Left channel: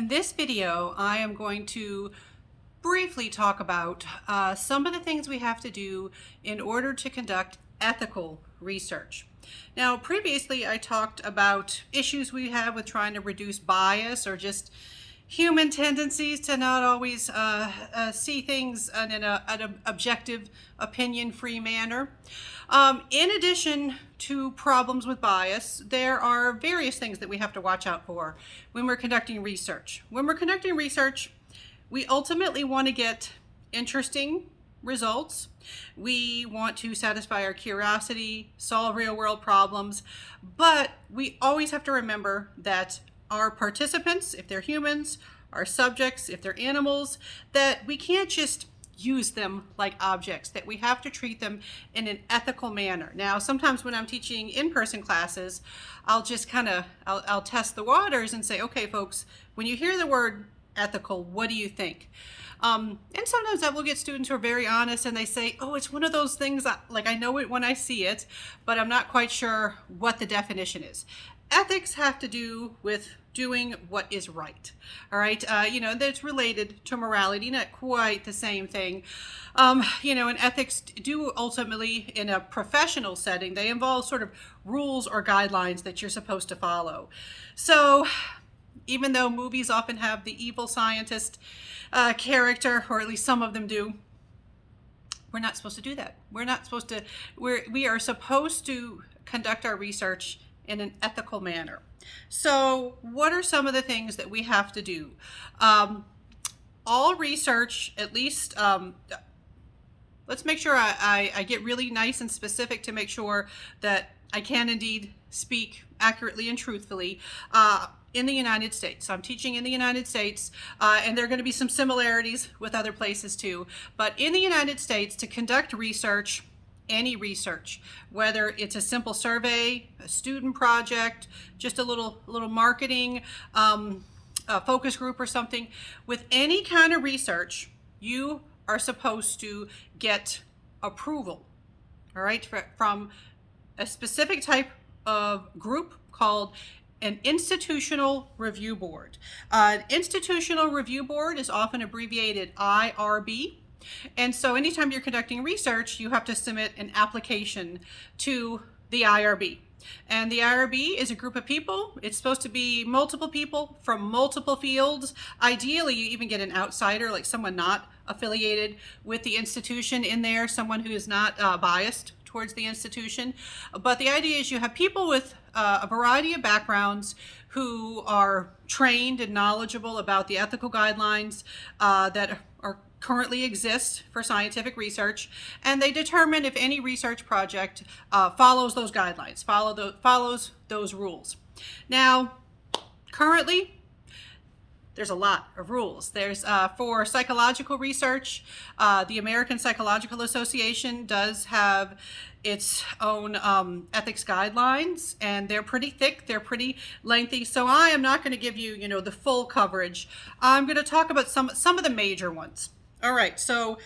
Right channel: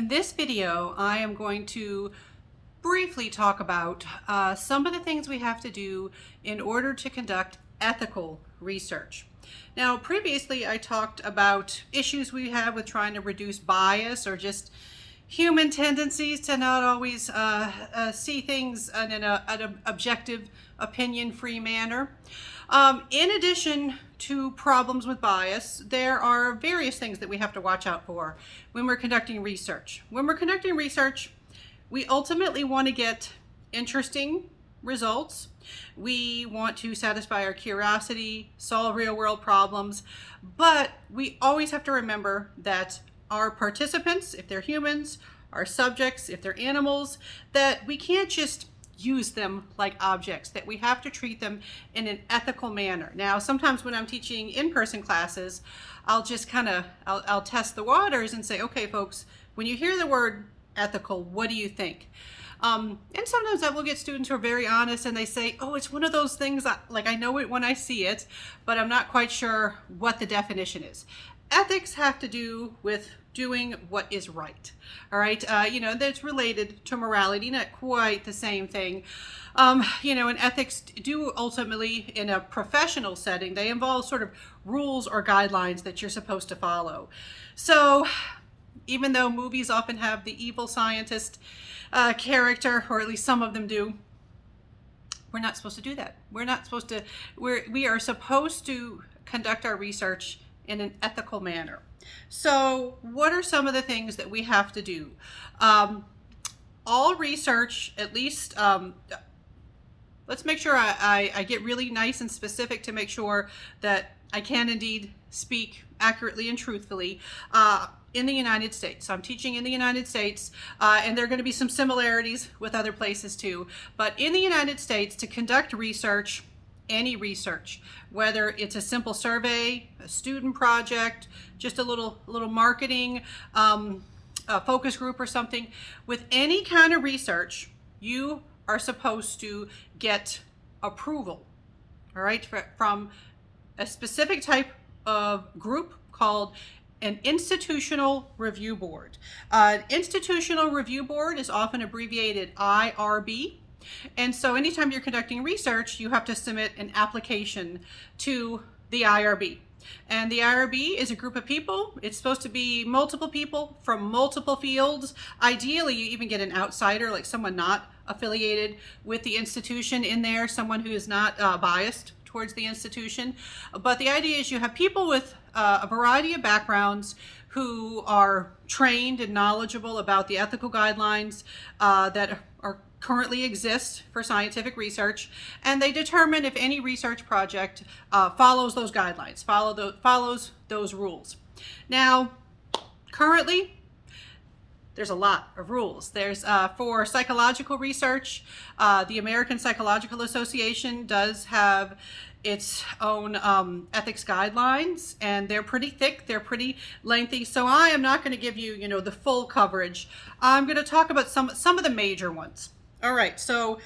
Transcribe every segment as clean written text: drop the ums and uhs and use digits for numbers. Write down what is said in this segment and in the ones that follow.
In this video, I am going to briefly talk about some of the things we have to do in order to conduct ethical research. Now, previously I talked about issues we have with trying to reduce bias or just human tendencies to not always see things in an objective, opinion-free manner. In addition to problems with bias, there are various things that we have to watch out for when we're conducting research. When we're conducting research, we ultimately want to get interesting results. We want to satisfy our curiosity, solve real-world problems, but we always have to remember that our participants, if they're humans, our subjects, if they're animals, that we can't just use them like objects, that we have to treat them in an ethical manner. Now, sometimes when I'm teaching in-person classes, I'll just I'll test the waters and say, okay, folks, when you hear the word ethical, what do you think? And sometimes I will get students who are very honest and they say, oh, it's one of those things, like I know it when I see it, but I'm not quite sure what the definition is. Ethics have to do with doing what is right. All right, that's related to morality, not quite the same thing. And ethics do ultimately, in a professional setting, they involve sort of rules or guidelines that you're supposed to follow. So even though movies often have the evil scientist character, or at least some of them do, we're not supposed to do that. We're not supposed to, we are supposed to conduct our research in an ethical manner. So what are some of the things that we have to do? All research, at least, let's make sure I get really nice and specific to make sure that I can indeed speak accurately and truthfully. In the United States. I'm teaching in the United States, and there are going to be some similarities with other places too. But in the United States, to conduct research, any research, whether it's a simple survey, a student project, just a little marketing focus group or something, with any kind of research, you are supposed to get approval, all right, from a specific type of group called an institutional review board. An institutional review board is often abbreviated IRB. And so anytime you're conducting research, you have to submit an application to the IRB. And the IRB is a group of people. It's supposed to be multiple people from multiple fields. Ideally, you even get an outsider, like someone not affiliated with the institution in there, someone who is not biased towards the institution. But the idea is you have people with a variety of backgrounds who are trained and knowledgeable about the ethical guidelines that are currently exist for scientific research, and they determine if any research project follows those guidelines, follows those rules. Now, currently, there's a lot of rules. There's for psychological research, the American Psychological Association does have its own ethics guidelines, and they're pretty thick, they're pretty lengthy, so I am not going to give you, the full coverage. I'm going to talk about some of the major ones. All right, so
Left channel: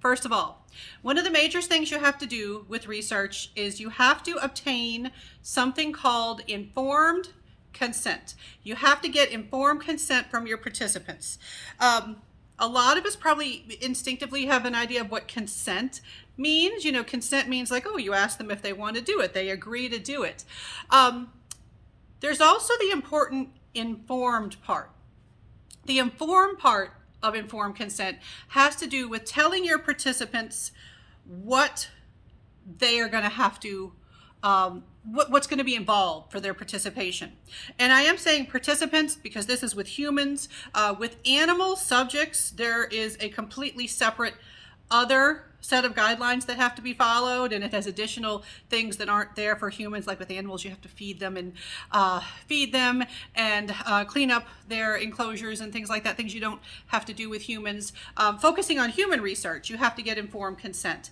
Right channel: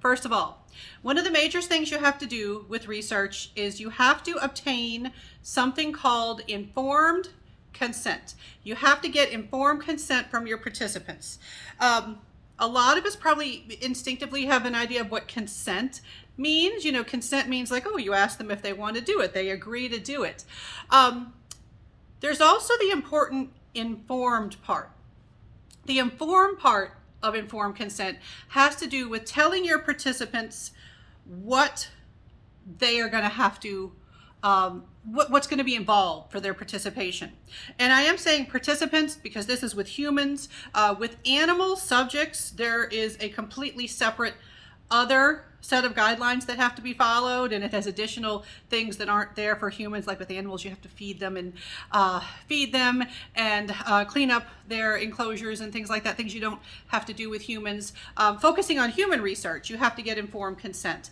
first of all, one of the major things you have to do with research is you have to obtain something called informed consent. You have to get informed consent from your participants. A lot of us probably instinctively have an idea of what consent means. Consent means like, oh, you ask them if they want to do it. They agree to do it. There's also the important informed part. The informed part of informed consent has to do with telling your participants what they are going to have to, what's going to be involved for their participation. And I am saying participants because this is with humans. With animal subjects, there is a completely separate other set of guidelines that have to be followed, and it has additional things that aren't there for humans. Like with animals, you have to feed them and clean up their enclosures and things like that, things you don't have to do with humans. Focusing on human research, you have to get informed consent.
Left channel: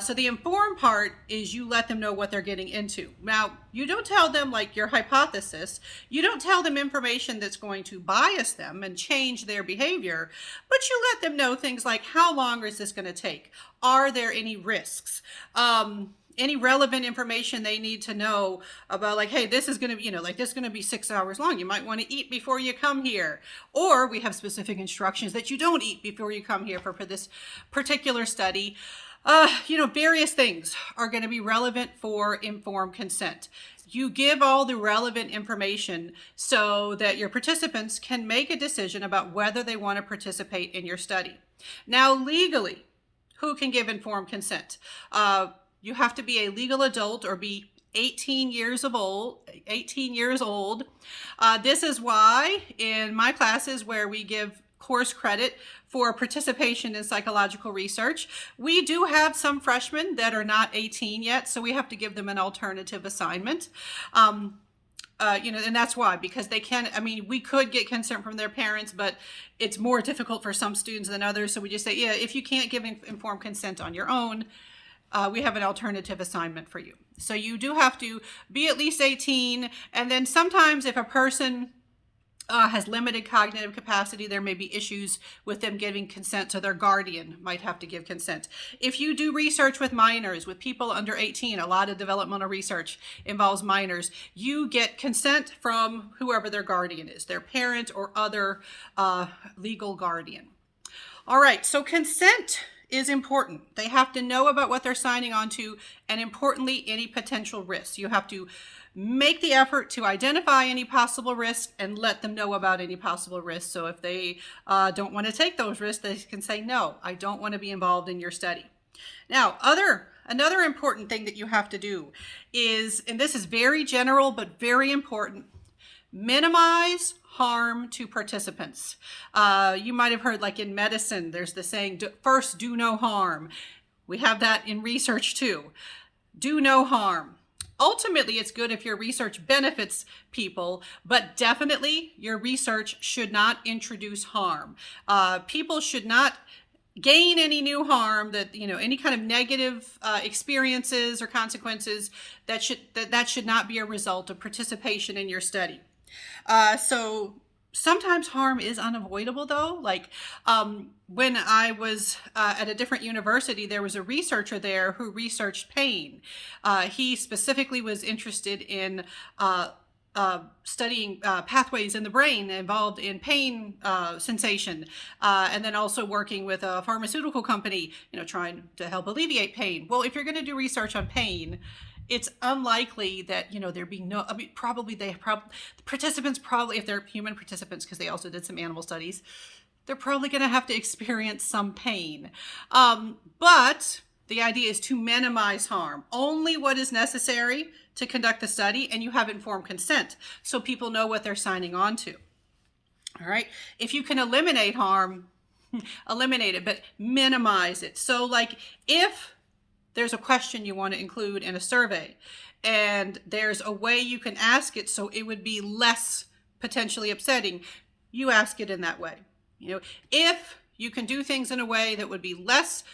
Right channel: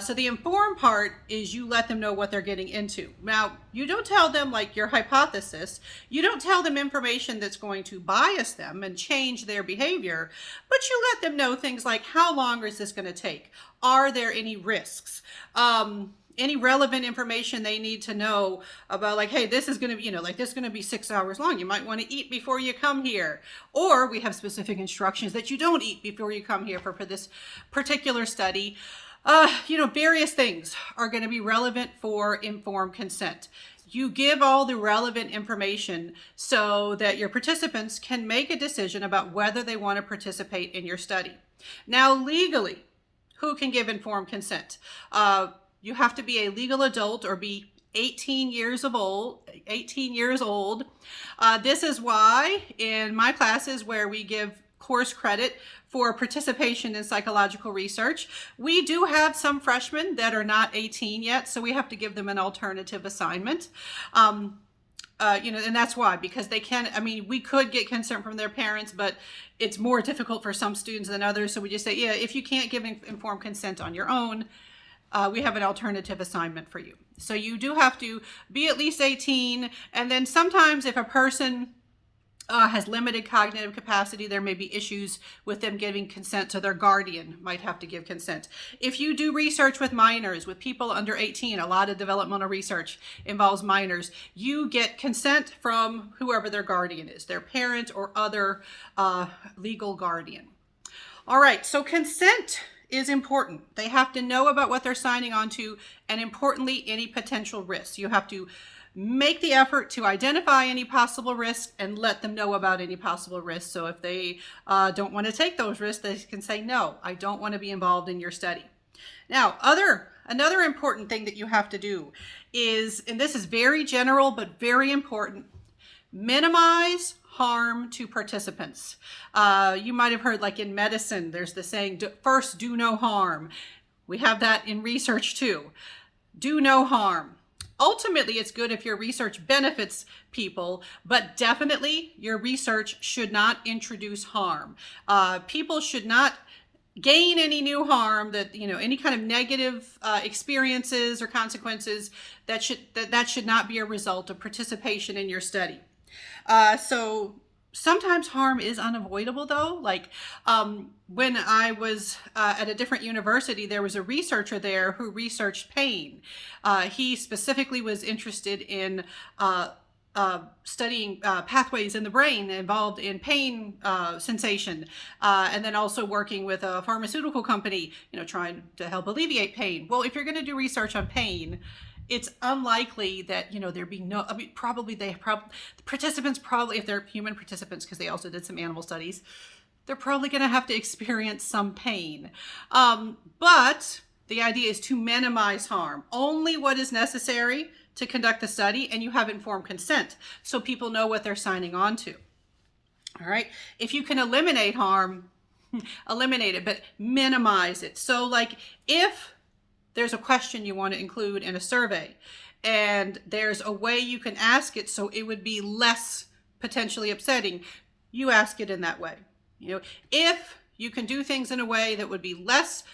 So the informed part is you let them know what they're getting into. Now, you don't tell them like your hypothesis, you don't tell them information that's going to bias them and change their behavior, but you let them know things like, how long is this going to take? Are there any risks? any relevant information they need to know about, like, hey, this is going to, like, this is going to be 6 hours long. You might want to eat before you come here. Or we have specific instructions that you don't eat before you come here for this particular study. Various things are going to be relevant for informed consent. You give all the relevant information so that your participants can make a decision about whether they want to participate in your study. Now, legally, who can give informed consent? You have to be a legal adult or be 18 years old. This is why in my classes where we give course credit for participation in psychological research, we do have some freshmen that are not 18 yet, so we have to give them an alternative assignment. And that's why, because they can, we could get consent from their parents, but it's more difficult for some students than others. So we just say, yeah, if you can't give informed consent on your own, we have an alternative assignment for you. So you do have to be at least 18. And then sometimes if a person has limited cognitive capacity, there may be issues with them giving consent, so their guardian might have to give consent. If you do research with minors, with people under 18, a lot of developmental research involves minors, you get consent from whoever their guardian is, their parent or other legal guardian. All right, so consent is important. They have to know about what they're signing on to, and importantly, any potential risks. You have to make the effort to identify any possible risks and let them know about any possible risks. So if they don't want to take those risks, they can say, no, I don't want to be involved in your study. Now, another important thing that you have to do is, and this is very general but very important, minimize harm to participants. You might have heard, like in medicine, there's the saying, first, do no harm. We have that in research too. Do no harm. Ultimately, it's good if your research benefits people, but definitely your research should not introduce harm. People should not gain any new harm, that any kind of negative experiences or consequences that should not be a result of participation in your study. So sometimes harm is unavoidable, though. Like when I was at a different university, there was a researcher there who researched pain. He specifically was interested in studying pathways in the brain involved in pain sensation, and then also working with a pharmaceutical company, trying to help alleviate pain. Well, if you're going to do research on pain, it's unlikely that there be no. Participants probably, if they're human participants, because they also did some animal studies, they're probably going to have to experience some pain. But the idea is to minimize harm. Only what is necessary to conduct the study, and you have informed consent, so people know what they're signing on to. All right. If you can eliminate harm, eliminate it, but minimize it. So, like, if there's a question you want to include in a survey, and there's a way you can ask it so it would be less potentially upsetting, you ask it in that way. If you can do things in a way that would be less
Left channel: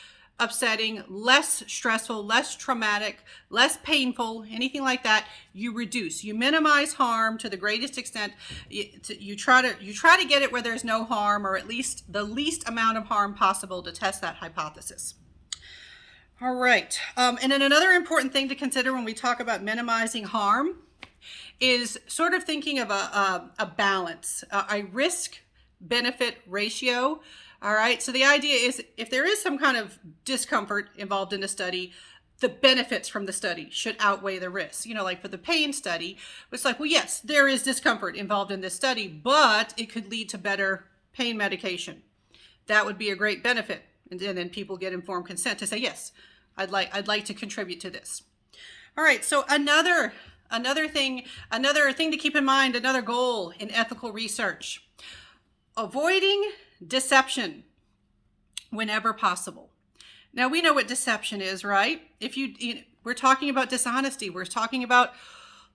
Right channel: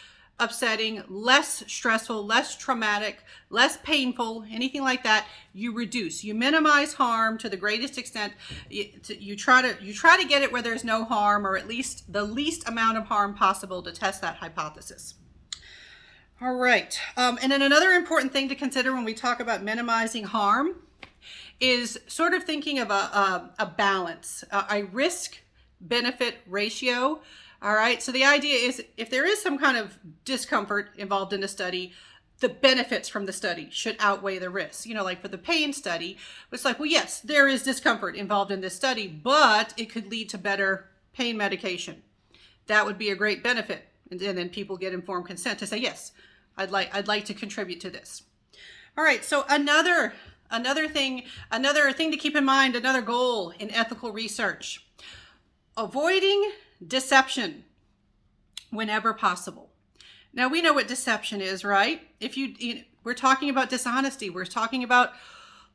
upsetting, less stressful, less traumatic, less painful, anything like that, you reduce. You minimize harm to the greatest extent. You try to get it where there's no harm, or at least the least amount of harm possible, to test that hypothesis. All right. And then another important thing to consider when we talk about minimizing harm is sort of thinking of a balance, a risk-benefit ratio. All right. So the idea is, if there is some kind of discomfort involved in the study, the benefits from the study should outweigh the risks. Like for the pain study, it's like, well, yes, there is discomfort involved in this study, but it could lead to better pain medication. That would be a great benefit. And then people get informed consent to say, yes, I'd like to contribute to this. All right. So another thing to keep in mind, another goal in ethical research, avoiding deception whenever possible. Now, we know what deception is, right? We're talking about dishonesty. We're talking about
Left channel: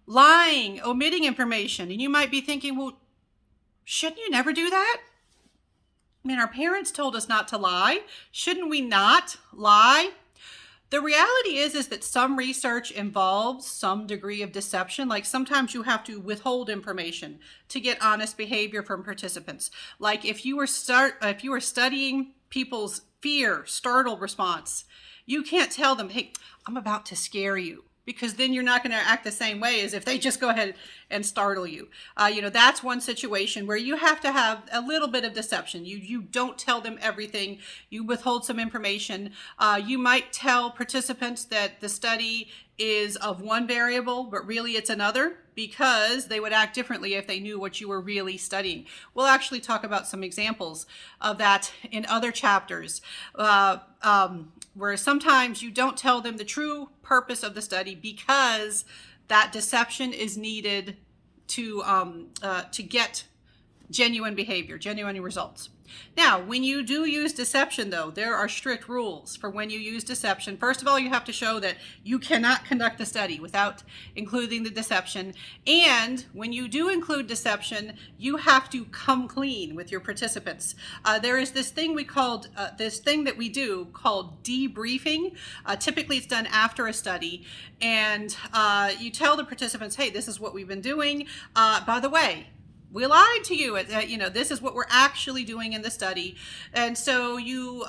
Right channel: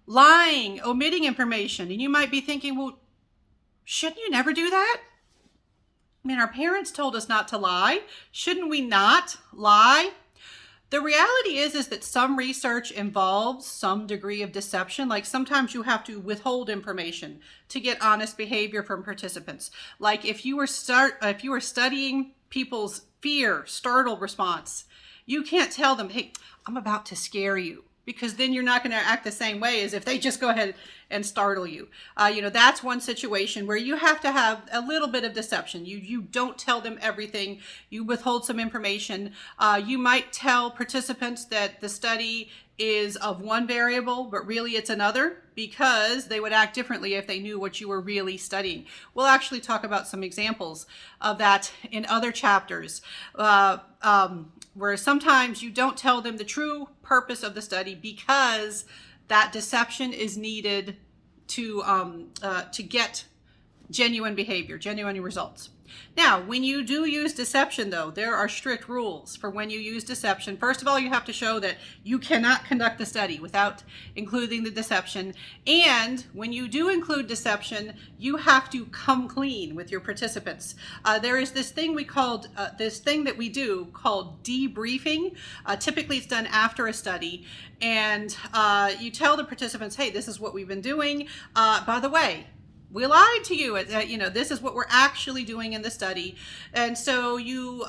lying, omitting information. And you might be thinking, well, shouldn't you never do that? Our parents told us not to lie. Shouldn't we not lie? The reality is that some research involves some degree of deception. Like sometimes you have to withhold information to get honest behavior from participants. Like if you were studying people's fear, startle response, you can't tell them, hey, I'm about to scare you, because then you're not going to act the same way as if they just go ahead and startle you. That's one situation where you have to have a little bit of deception. You don't tell them everything. You withhold some information. You might tell participants that the study is of one variable, but really it's another, because they would act differently if they knew what you were really studying. We'll actually talk about some examples of that in other chapters, where sometimes you don't tell them the true purpose of the study because that deception is needed to get genuine behavior, genuine results. Now, when you do use deception, though, there are strict rules for when you use deception. First of all, you have to show that you cannot conduct the study without including the deception. And when you do include deception, you have to come clean with your participants. There is this thing that we do called debriefing. Typically, it's done after a study. And you tell the participants, hey, this is what we've been doing. By the way, we lied to you. This is what we're actually doing in the study. And so you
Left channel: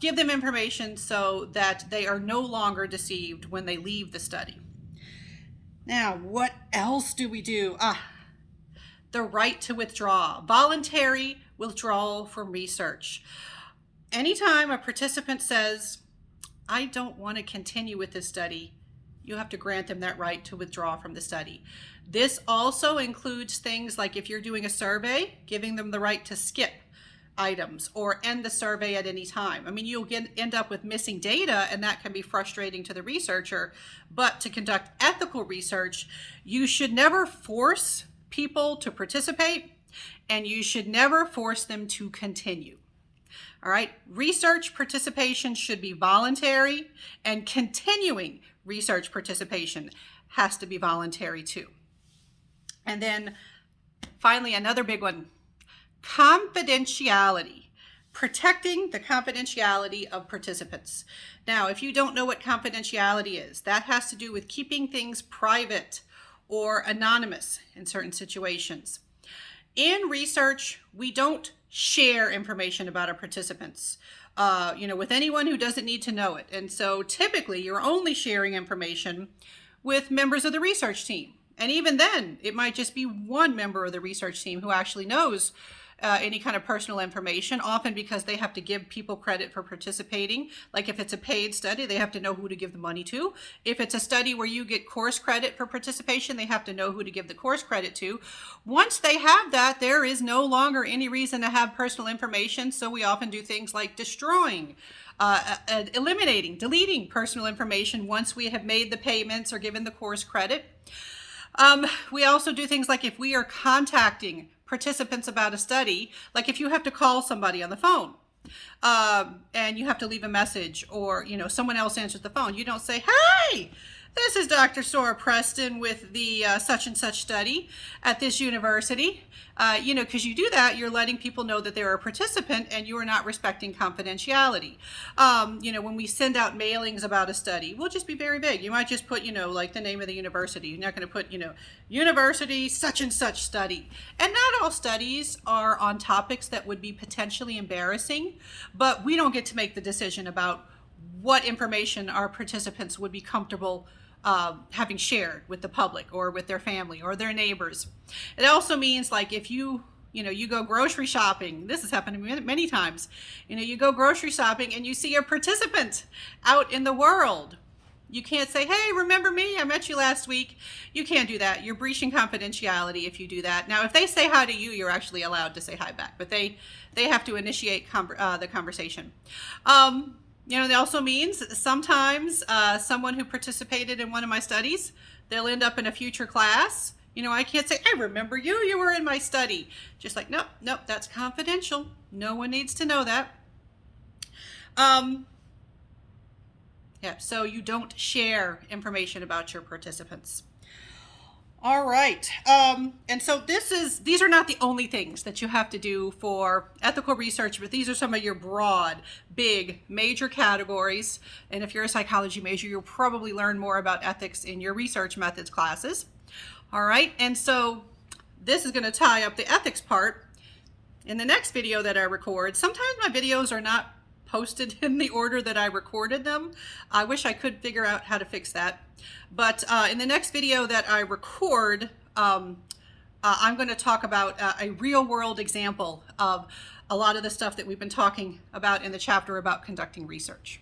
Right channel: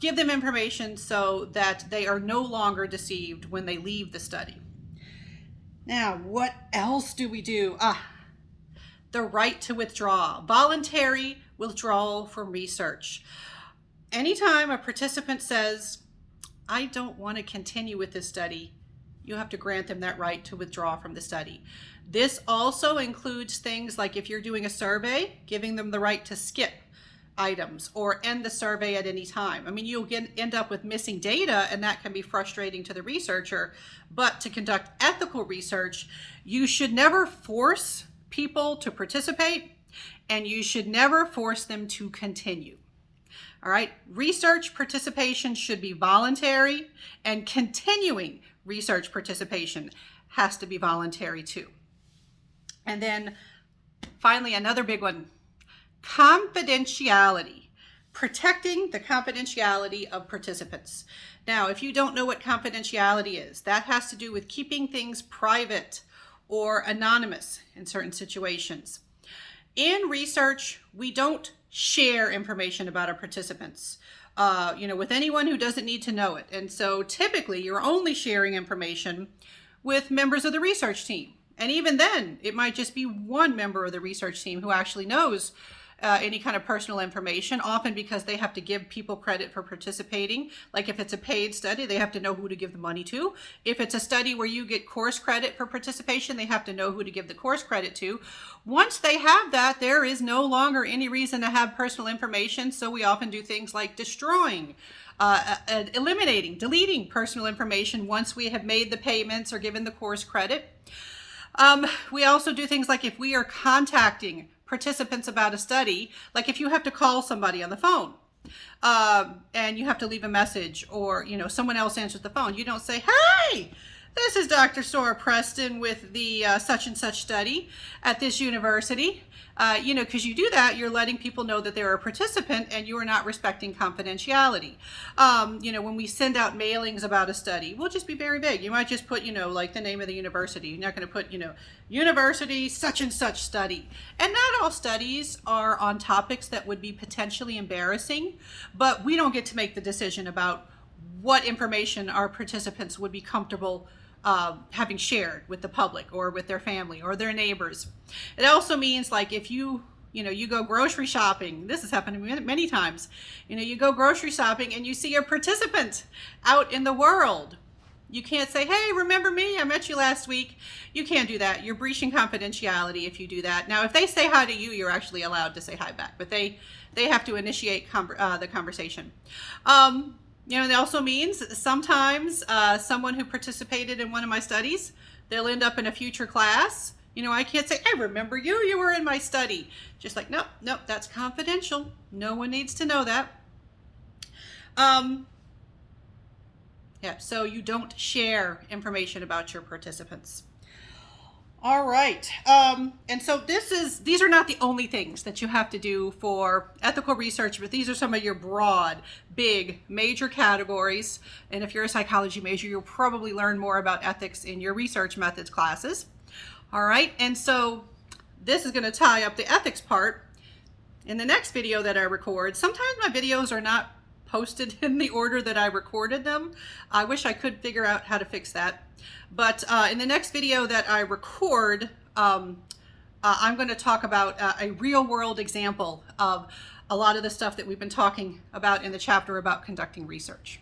give them information so that they are no longer deceived when they leave the study. Now, what else do we do? The right to withdraw, voluntary withdrawal from research. Anytime a participant says, I don't want to continue with this study, you have to grant them that right to withdraw from the study. This also includes things like if you're doing a survey, giving them the right to skip items or end the survey at any time. I mean, you'll end up with missing data, and that can be frustrating to the researcher. But to conduct ethical research, you should never force people to participate, and you should never force them to continue. All right, research participation should be voluntary, and continuing research participation has to be voluntary too. And then finally, another big one, confidentiality, protecting the confidentiality of participants. Now, if you don't know what confidentiality is, that has to do with keeping things private or anonymous in certain situations. In research, we don't share information about our participants, with anyone who doesn't need to know it. And so typically you're only sharing information with members of the research team. And even then, it might just be one member of the research team who actually knows any kind of personal information, often because they have to give people credit for participating. Like if it's a paid study, they have to know who to give the money to. If it's a study where you get course credit for participation, they have to know who to give the course credit to. Once they have that, there is no longer any reason to have personal information. So we often do things like destroying, eliminating, deleting personal information once we have made the payments or given the course credit. We also do things like if we are contacting participants about a study, like if you have to call somebody on the phone and you have to leave a message, or someone else answers the phone, you don't say, hey, this is Dr. Sohr-Preston with the such and such study at this university. Because you do that, you're letting people know that they're a participant and you are not respecting confidentiality. When we send out mailings about a study, we'll just be very vague. You might just put, like the name of the university. You're not going to put, university such and such study. And not all studies are on topics that would be potentially embarrassing, but we don't get to make the decision about what information our participants would be comfortable having shared with the public or with their family or their neighbors. It also means like if you go grocery shopping, this has happened many times, you go grocery shopping and you see a participant out in the world. You can't say, hey, remember me? I met you last week. You can't do that. You're breaching confidentiality if you do that. Now, if they say hi to you, you're actually allowed to say hi back, but they have to initiate the conversation. It also means sometimes someone who participated in one of my studies, they'll end up in a future class. I can't say, I remember you, you were in my study. Just like, nope, that's confidential. No one needs to know that. So you don't share information about your participants. All right. And so these are not the only things that you have to do for ethical research, but these are some of your broad, big, major categories. And if you're a psychology major, you'll probably learn more about ethics in your research methods classes. All right. And so this is going to tie up the ethics part in the next video that I record. Sometimes my videos are not posted in the order that I recorded them. I wish I could figure out how to fix that. But in the next video that I record, I'm going to talk about a real-world example of a lot of the stuff that we've been talking about in the chapter about conducting research.